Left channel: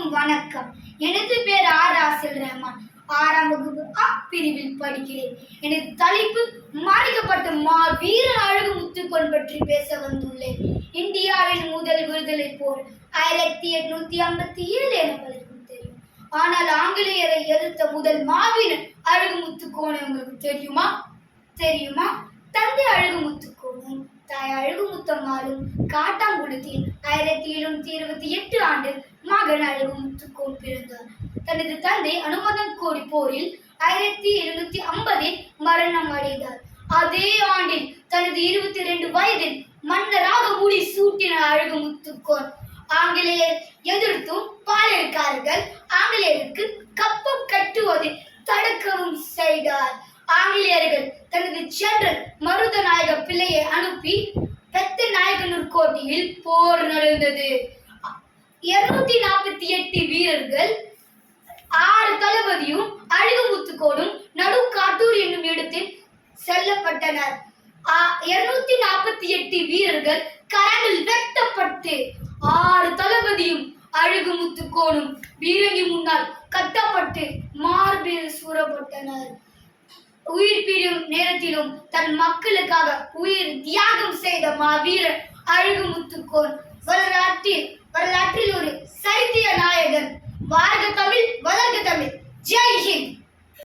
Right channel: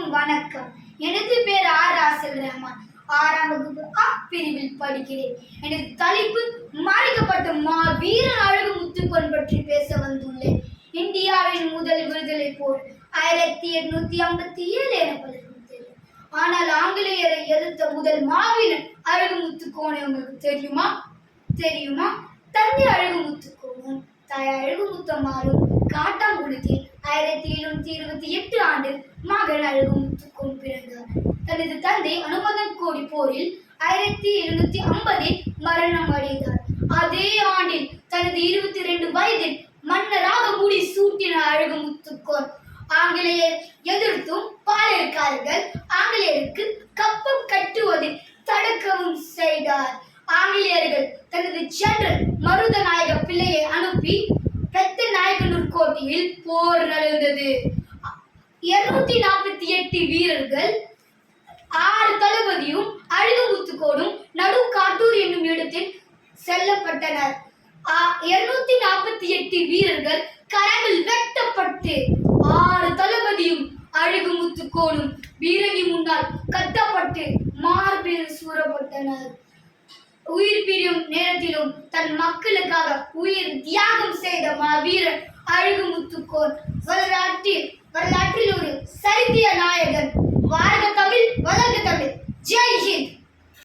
அனைவருக்கும் வணக்கம். எனது பேர் ஆர் ராசல் ரஹ்மான். ஆறாம் வகுப்பு அ பிரிவில் படிக்கிறேன். எனது தலைப்பு மறைக்கப்பட்ட மா வீர அழகு முத்துக்கொன் பற்றி பேச வந்துள்ளேன். இந்தியாவின் முதல் விடுதலை போர் ஆயிரத்தி எட்நூத்தி ஐம்பத்தி ஏழு என பலருக்கும் தெரியும். ஆனால் ஆங்கிலேயரை எதிர்த்த முதல் மாவீரன் அழகு முத்துக்கோனை உங்களுக்கு தெரியுமா? தெரியுமா? தந்தை அழகு முத்துக்கோனும் தாய் அழகு முத்தம்மாளும் காட்டாங்குளத்தில் ஆயிரத்தி எழுநூத்தி இருபத்தி எட்டு ஆண்டு மகன் அழகும் முத்துக்கோன் பிறந்தார் தனது தந்தை அனுமதன் கோடி போரில் ஆயிரத்தி எழுநூத்தி ஐம்பதில் மரணம் அடைந்தார். அதே ஆண்டில் தனது இருபத்தி ரெண்டு வயதில் மன்னராக மூடி சூட்டினார் அழகு முத்துக்கோன் ஆங்கிலேயர் எதிர்த்தும் பாளையக்காரர்கள் ஆங்கிலேயருக்கு கப்பம் கட்டுவதை தடுக்கவும் செய்தார். ஆங்கிலேயர்கள் தனது ஜெனரல் மருதநாயக பிள்ளையை அனுப்பி பெத்த நாயக்கனூர் கோட்டையில் போர் நடந்தது. இருநூத்தி நாற்பத்தி எட்டு வீரர்கள் ஆறு தளபதியும் அழுகுமுத்துக்கோடும் நடு காட்டூர் என்னும் இடத்தில் செல்லப்பட்டனர். இருநூத்தி நாற்பத்தி எட்டு வீரர்கள் கரங்கள் வெட்டப்பட்டு ஆறு தளபதியும் அழுகுமுத்துக்கோணும் வீரனி முன்னால் கட்டப்பட்டு மார்பில் சூறப்பட்டனர். உயிர் பிரியும் நேரத்திலும் தன் மக்களுக்காக உயிர் தியாகம் செய்த மாவீரர் அழகுமுத்துக்கோன் வரலாற்றில் વલણ તમે જય હિન્દ.